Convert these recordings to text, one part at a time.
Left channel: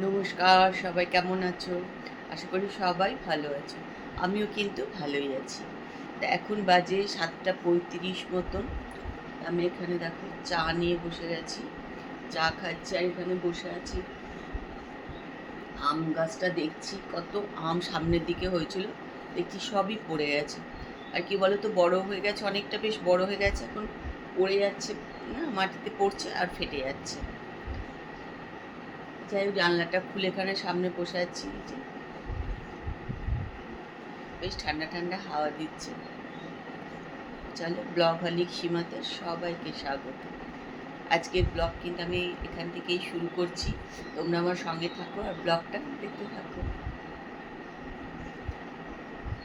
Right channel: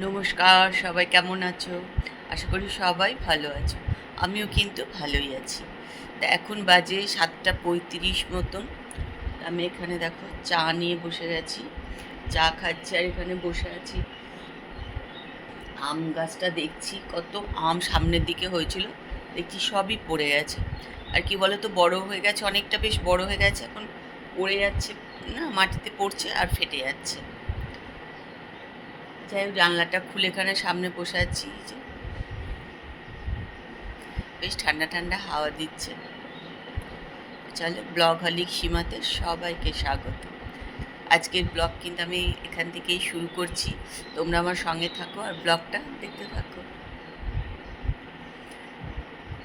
নমস্কার, সবাই কেমন আছো? আশা করি সবাই ভালো আছো। আমিও কিন্তু ভালোই আছি। তা এখন বাজে 7:35 মতন। আমি এখানে দেখো চা নিয়ে বসে গেছি। চা খাচ্ছি আর এখানে বসে আছি। আম গাছটা দেখছি, কত আম সামনের দিকে হয়েছিল, দেখছি সবই পড়ে গেছে। আর কি বলো তো, বড় হয়ে গেছে, অনেকটা বেশ বড় হয়ে গেছে, এখন পড়ে যাচ্ছে, না মাটিতে পড়ছে আর ফেটে যাচ্ছে। যাই হোক, জানলাটা খুলে এখানে সামনে বসে আছি, এই যে বেশ ঠান্ডা ঠান্ডা হাওয়া দিচ্ছে। চলো, ব্লগ হলিক সীমাতে সবাইকে স্বাগত। আজকের ব্লগ কিন্তু আমি এখান থেকেই শুরু করছি। তোমরা আমার সঙ্গে থাকো আর ব্লগটা দেখতে থাকো।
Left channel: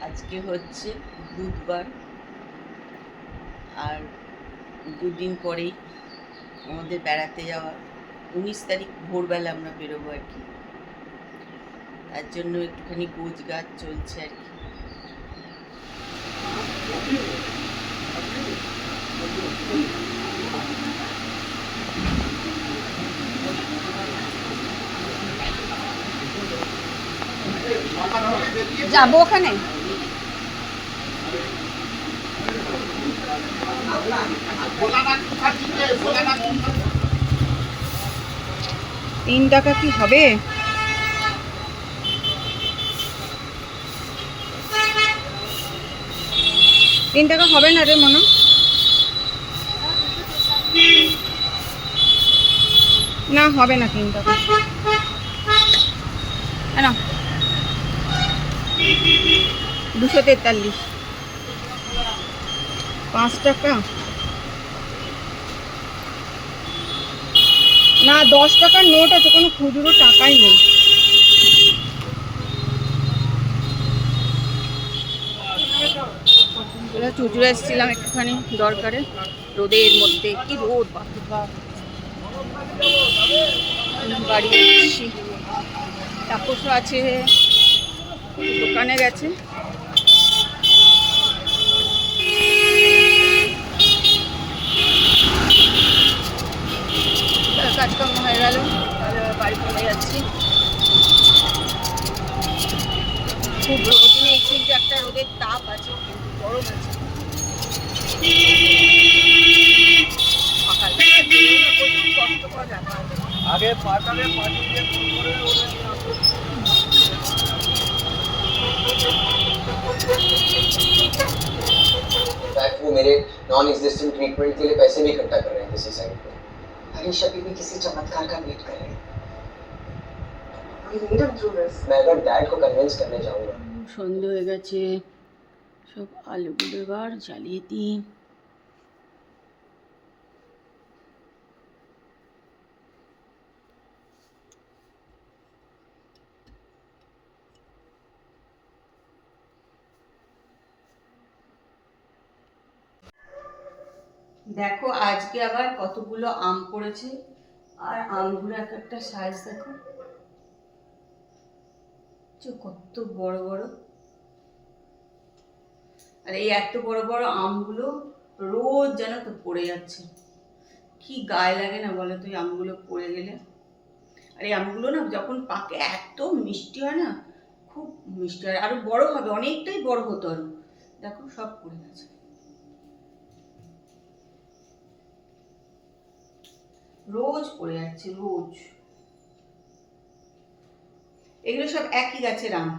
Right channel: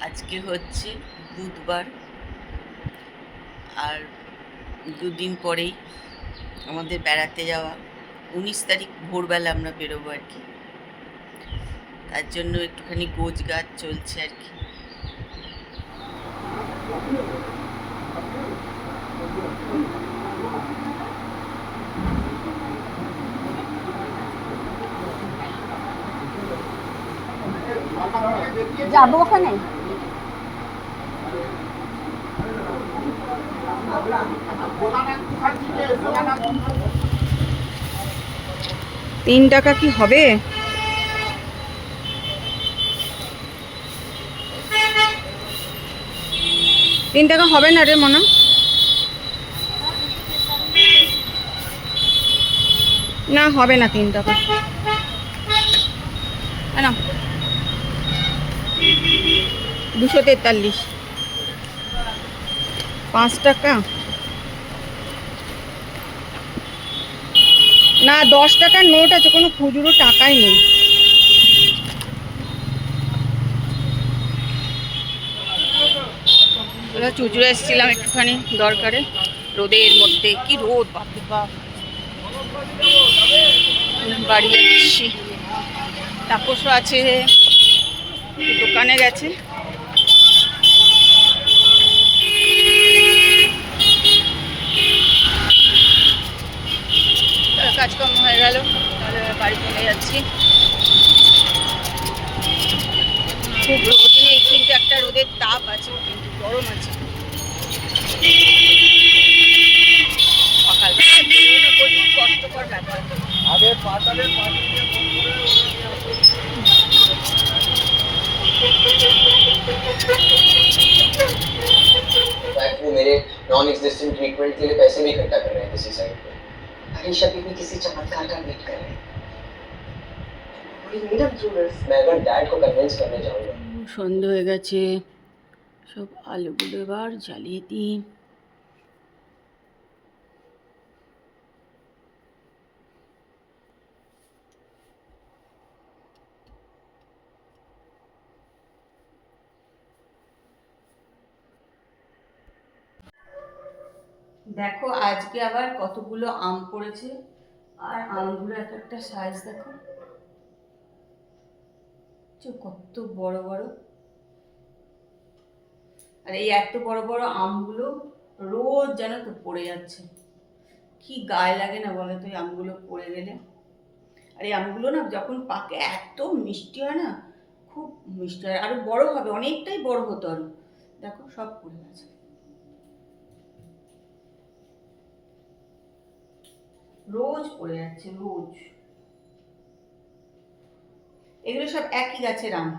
আজকে হচ্ছে বুধবার, আর দুদিন পরেই আমাদের বেড়াতে যাওয়া। 19 তারিখ ভোরবেলা আমরা বেরোবো আর কি। তার জন্য একটুখানি গোছগাছ চলছে আর কি। যাবো ওখানে। 3 টাকা কি হবে? 3 টাকা হবে না রে মনে। না হবে না 3 টাকা। না, 243। 5 টাকা না, 10 টাকার নোট আছে, কোনো খুচরো টাকাই নেই। চুচুড়ে এসেছিলাম একটুখানি দরকারে, রোদের মধ্যে, কি রোদ বাপরে বাপ। বাড়ি যাচ্ছি, তাপসও আছে, দোকানে গেছে। কাজকর্ম হয়ে গেল, তাহলে বাড়ি চলে যাচ্ছি। খুব রোদ নেই, কিন্তু একটা রোদের তাপ আছে, কিন্তু গরম আছে। সকালবেলা বেরোনো প্রচুর কষ্টকর ব্যাপার। আগে পাঠাবে वो मेरे नॉन एग्जिस्टेंट ट्रीटमेंट के लिए पैसे भी इकट्ठा कर रहे हैं किसी साइड पे। हरीश अभी भी किसी चमत्कार का वेट कर रहे हैं। We need him through this. मैं अगर डैड को कन्विंस करने जाऊंगा। সন্ধ্যে হয়ে গেছে, সব আলুগুলো এবার জ্বালিয়ে দিই। দেখো আজকে আবার কতগুলো আম পড়েছে, আর আমগুলো এক একটা সাইজ দেখো, কত বড় বড়। আর এই এত বড় বড় আমগুলো রোজ যেন তো পড়ে যাচ্ছে, কি গায়ে লাগে না বলো তো এই আমগুলো পড়ে গেলে। আর এই আমগুলো না যখন পাকে এত মিষ্টি হয় না, খুব মিষ্টি হয়, আরো বড় হবে, অনেকটাই বড় হতো আরো। দেখো সব পড়ে গেছে, রোজ পড়ে যাচ্ছে রোজ। এগুলো সব একই গাছের আম।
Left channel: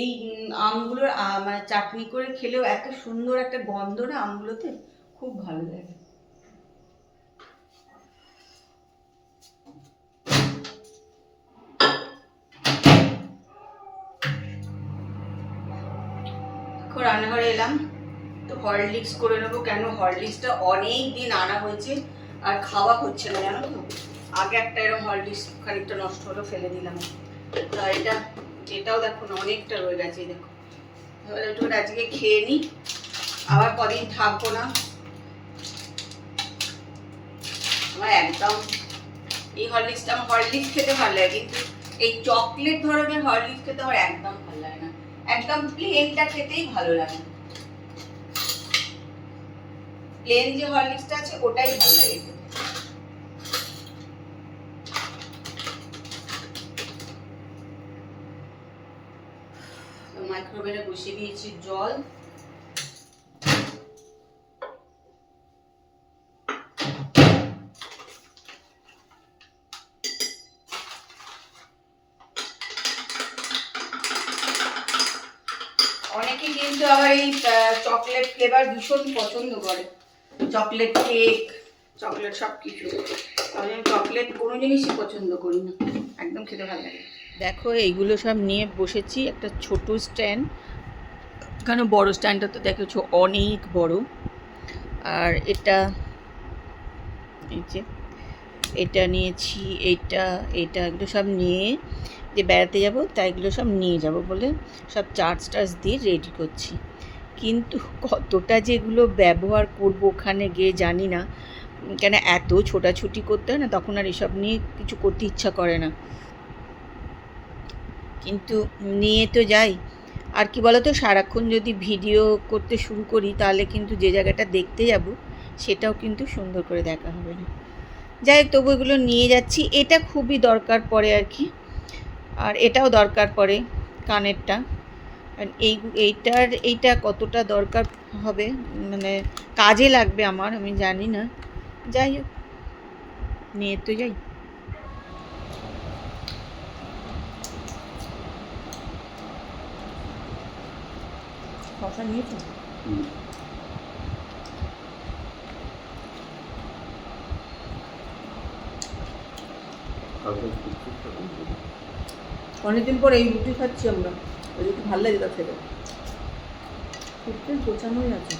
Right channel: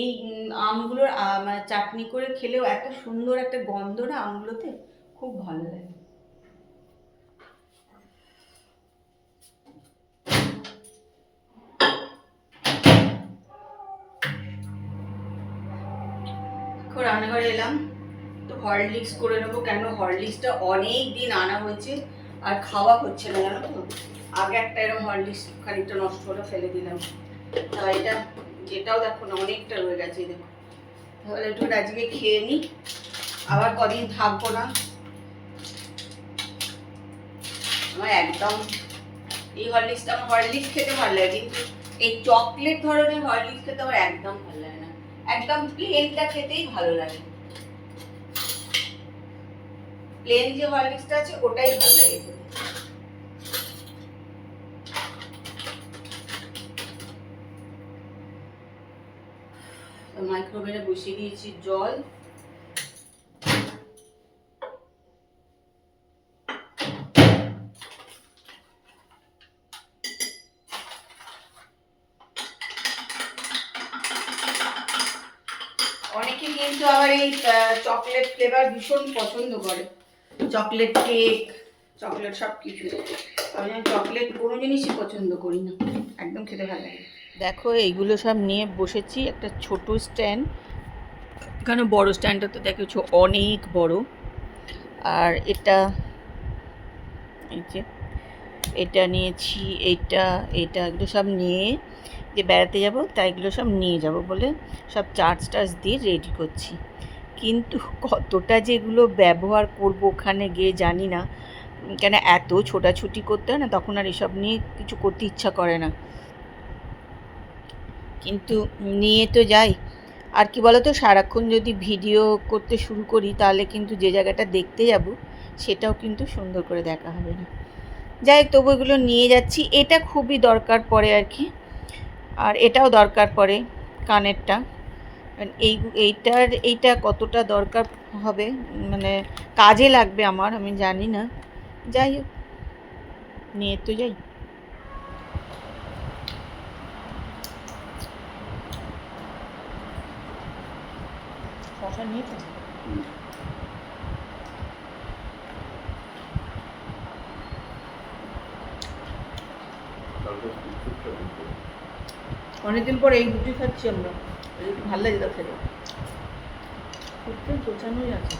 এই আমগুলোর মানে চাটনি করে খেলেও এত সুন্দর একটা গন্ধ না আমগুলোতে, খুব ভালো লাগে। এখন রান্নাঘরে এলাম, তো হরলিক্স করে নেবো। কেন হরলিক্সটা অনেক দিন আনা হয়েছে আর খাওয়া হচ্ছে না জানো তো। আগে একটা এরকম হরলিক্স খানিকটা নষ্ট হলো, ফেলে দিলাম। তা এটাও দেখো না, অনেকটা রয়ে গেছে, দেখো। তাহলে একটু আজকে খেয়ে নিই, আবার কদিন থাকবো না। আমার একদম এই হরলিক্সটা, আমার হরলিক্স খেতে ভালো লাগে, কিন্তু এই চকলেট ধরনের হরলিক্স খেতে আমার একদম ভালো লাগে না। একদম প্লেনটা খেতেই ভালো লাগে। প্লেন যে হরলিক্সটা আছে ওটাই ভালো লাগে খেতে। মাইক্রোওভেনে বসিয়ে দিয়েছি জল। অনেকে কিন্তু আবার এই চকলেট ফ্লেভার ভীষণ পছন্দ করে, চকলেট কেক, চকলেট সব কিছু। আমি চকলেট কোনো জিনিসই পছন্দ করি না, একদম খেতে ভালো লাগে। দেখো এইগুলো সব নিয়ে বসেছি একটা ছোট স্ট্যান্ড, এখানে বড় স্ট্যান্ডটা তো দেখেছো অনেক বড়। আর এটা এই যে এটা নিয়েছি, এটা এগুলো সব নিয়ে যে বেড়াতে যাব তাই এগুলো সব নিয়ে যাব বলে সব চার্জ দিয়ে রেডি করছি। কিন্তু কতটা যেগুলো ব্যবহার করব ওখানে গিয়ে জানি না, কেন এত ছোটাছুটি করতে হয় না, তখন আর এসব নিয়ে কিছু করতে ইচ্ছা করে না, কিন্তু নিয়ে তো যাই। আর কি বলো তো, সারাক্ষণ যদি ভিডিও করতে শুরু করি তাহলে কিন্তু যে জায়গাটা দেখতে যাব সেটাও কিন্তু সুন্দর করে দেখা হবে না। যাই হোক, তবু এগুলো নিয়ে যাচ্ছি। এটা খুবই দরকার পড়ে আর কি, আর এটাও দরকার পড়ে কানেরটা। এইটা কতটা দরকার হবে, মানে কাজে লাগবে আমার, আমি জানি না। যাই হোক, নিয়ে তো যাই। শশা নিয়েছো? অনেকদিন পর এই রুটি খাচ্ছি আমরা, ওই রুটি ভালো লাগে তা খেতে, খুব গোছানোই আছে।